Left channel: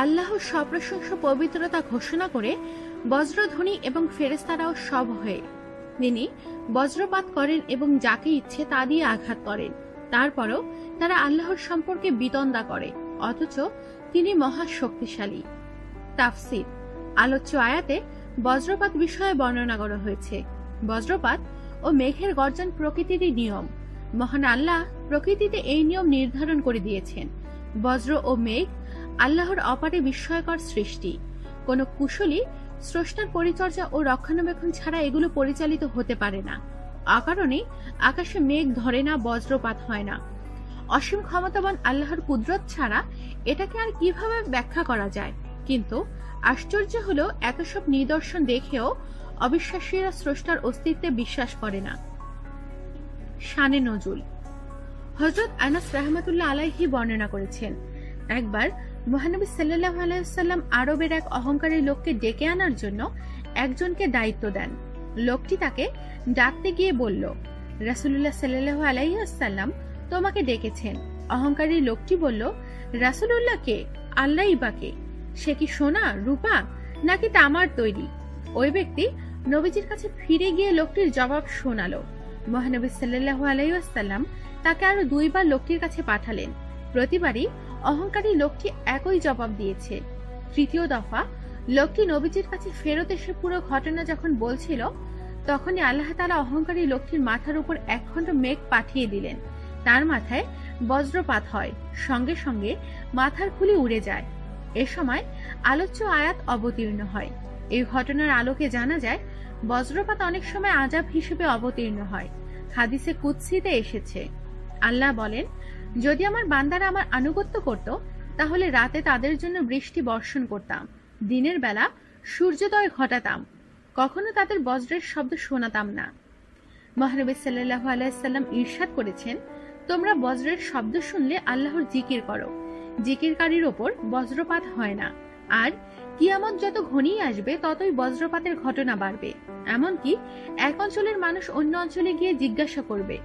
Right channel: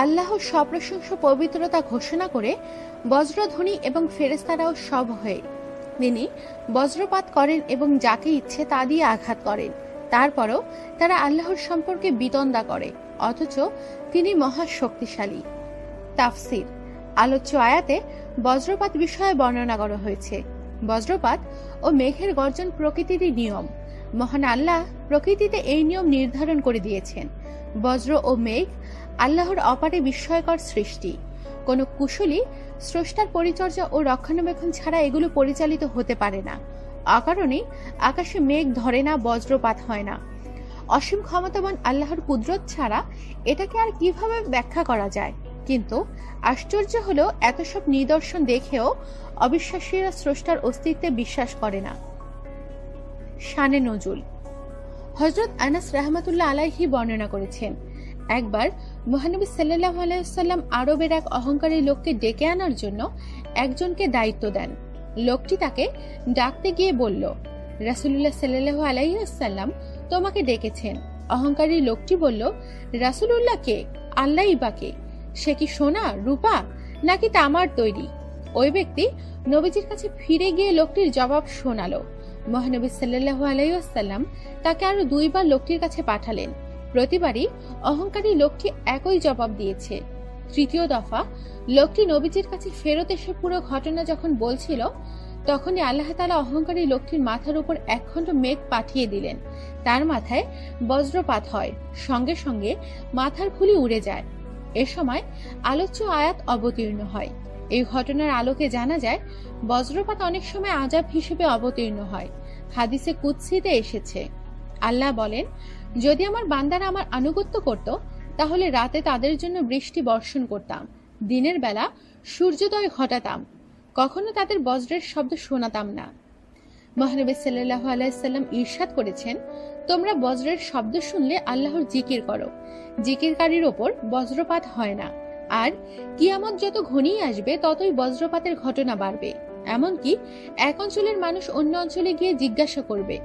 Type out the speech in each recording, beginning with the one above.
আল্লাহর সপ্রশংসা পবিত্রতা ঘোষণা করে বজ্রধ্বনি এবং ফেরেশতারাও সব হয়ে তিনি বজ্রপাত করেন এবং যাকে ইচ্ছে তা দিয়ে আঘাত করেন। তারপরও তারা আল্লাহর সম্পর্কে বিতণ্ডা করে, অথচ তিনি মহা শক্তিশালী। তাফসির। আলোচ্য আয়াতে বজ্রপাত বিষয়ে বর্ণনা করা হয়েছে। বজ্রপাত ও মেঘের গর্জন প্রকৃতিরই নিয়ম। মহান আল্লাহ প্রকৃতিতে এই নিয়ম নির্ধারণ করে দিয়েছেন। বজ্র ও মেঘ আল্লাহর অপারে বিস্ময়কর সৃষ্টি। কোন কুশলী স্রষ্টার পরিচর্যা ও রক্ষণাবেক্ষণ ছাড়া এগুলো পরিচালিত হতে পারে না। অকারণে আকাশে মেঘ ধরে না, বজ্রপাত হয় না। অসীম ক্ষমতাবান আল্লাহর কুদরত ছাড়া এটাকে আর কিভাবে ব্যাখ্যা করা যায়? কিন্তু আশ্চর্য হলো এত সব নিদর্শন দেখেও অবিশ্বাসীরা স্রষ্টার অস্তিত্বে বিশ্বাস করে না। শানে নজুল। হযরত আনাস রাহমাতুল্লাহ আলাইহি বর্ণনা করেছেন, একবার মহানবী সাল্লাল্লাহু আলাইহি ওয়াসাল্লাম আরবের এক অহংকারী লোককে ডেকে আনার জন্য একজনকে দায়িত্ব দেন। লোকটি তাকে ডাকতে গিয়ে বলল, রাসূলুল্লাহ সাল্লাল্লাহু আলাইহি ওয়াসাল্লাম তোমাকে ডেকেছেন। অহংকারী লোকটি বলল, রাসূলুল্লাহ কে? আল্লাহই বা কে? সে কি সোনা, রূপা নাকি তামার তৈরি? ওই ব্যক্তি নবীজির কাছে ফিরে গিয়ে লোকটির জবাব শোনালো। মহানবী সাল্লাল্লাহু আলাইহি ওয়াসাল্লাম তাকে আরো দুইবার লোকটির কাছে পাঠালেন। প্রতিবারই অহংকারী লোকটি একই জবাব দিয়েছে। তৃতীয় দফা লোকটি নবীজির কাছে ফেরত এসে পুরো ঘটনা যখন বলছিল, তখনই আল্লাহ তাআলা অহংকারী লোকটির মাথার উপর একখণ্ড মেঘ পাঠিয়ে দিলেন। তার মাথায় বজ্রপাত হয়, সঙ্গে সঙ্গে মাথার খুলি উড়ে যায়। এ সময় আলোচ্য আয়াত অবতীর্ণ হয়। এই ঘটনার আলোকে জানা যায় বজ্রপাত অনেক সময় আযাব হিসেবে অবতীর্ণ হয়। হাদিসে কুদসিতে এসেছে, আল্লাহ বলেন, যদি আমার বান্দারা আমার আনুগত্য করত তাহলে রাতে তাদের জন্য বৃষ্টি বর্ষণ করতাম, দিনের বেলা সূর্যোদয় ঘটাতাম, কখনো তাদের বজ্রের শব্দ শোনাতাম না। মহানবী সাল্লাল্লাহু আলাইহি ওয়াসাল্লাম ইরশাদ করেছেন, তোমরা বজ্রের শব্দ শুনলে আল্লাহর জিকির করো, জিকিরকারীর ওপর বজ্রপাত হয় না। আর কিয়ামত যত ঘনিয়ে আসবে ততই বজ্রপাতের ঘটনা বাড়বে। এমনকি এক অঞ্চলের মানুষ অন্য অঞ্চলে গিয়ে জিজ্ঞাসা করবে,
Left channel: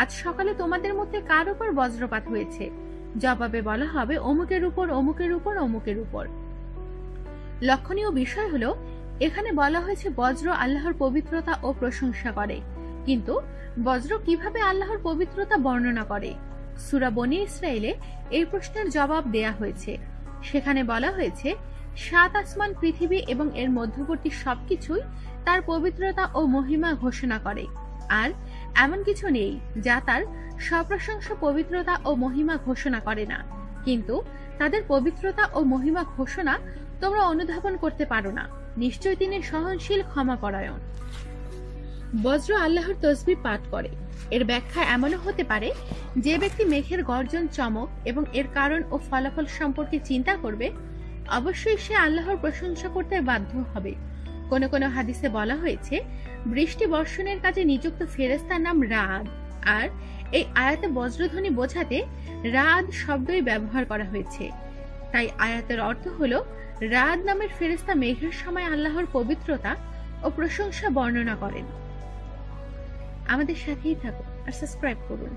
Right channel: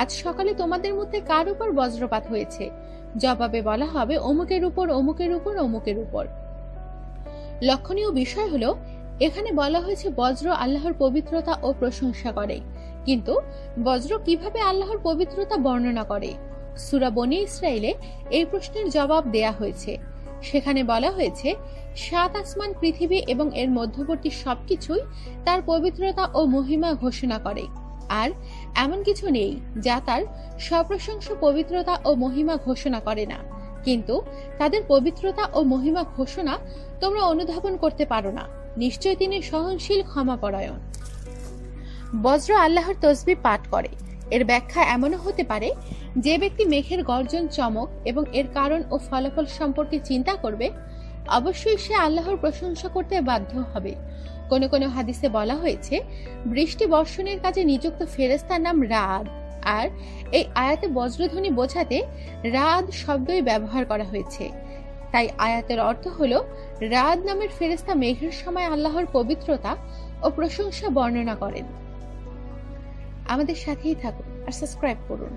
আজ সকালে তোমাদের মধ্যে কার উপর বজ্রপাত হয়েছে? জবাবে বলা হবে, অমুকের উপর, অমুকের উপর, অমুকের উপর। লক্ষণীয় বিষয় হলো, এখানে বলা হয়েছে বজ্র আল্লাহর পবিত্রতা ও প্রশংসা করে, কিন্তু বজ্র কিভাবে আল্লাহর পবিত্রতা বর্ণনা করে? সূরা বনী ইসরাইলে এই প্রশ্নের জবাব দেয়া হয়েছে। সেখানে বলা হয়েছে, 7 আসমান, পৃথিবী এবং এর মধ্যবর্তী সবকিছুই তার পবিত্রতা ও মহিমা ঘোষণা করে, আর এমন কিছু নেই যা তার সপ্রশংসা পবিত্রতা ও মহিমা ঘোষণা করে না। কিন্তু তাদের পবিত্রতা ও মহিমা ঘোষণা তোমরা অনুধাবন করতে পারো না। নিশ্চয় তিনি সহনশীল, ক্ষমাপরায়ণ। বজ্র আল্লাহর তসবিহ পাঠ করে। এর ব্যাখ্যা এমনও হতে পারে, যে ব্যক্তি মেঘের গর্জন, চমক এবং এর কারণ ও ফলাফল সম্পর্কে চিন্তা করবে, অবশ্যই সে আল্লাহর প্রশংসা করতে বাধ্য হবে। কোন কোন হাদিসে বলা হয়েছে, বৃষ্টি বর্ষণের কাজে নিযুক্ত ফেরেশতার নাম রাআদ, আর এই আয়াতে বজ্রধ্বনি বোঝাতে রাআদ শব্দই ব্যবহার করা হয়েছে। তাই আয়াতের অর্থ হলো, রাআদ নামের ফেরেশতা মেঘের সময় আল্লাহর পবিত্রতা ও প্রশংসা বর্ণনা করেন। আমাদের সাথেই থাকুন আর সাবস্ক্রাইব করুন।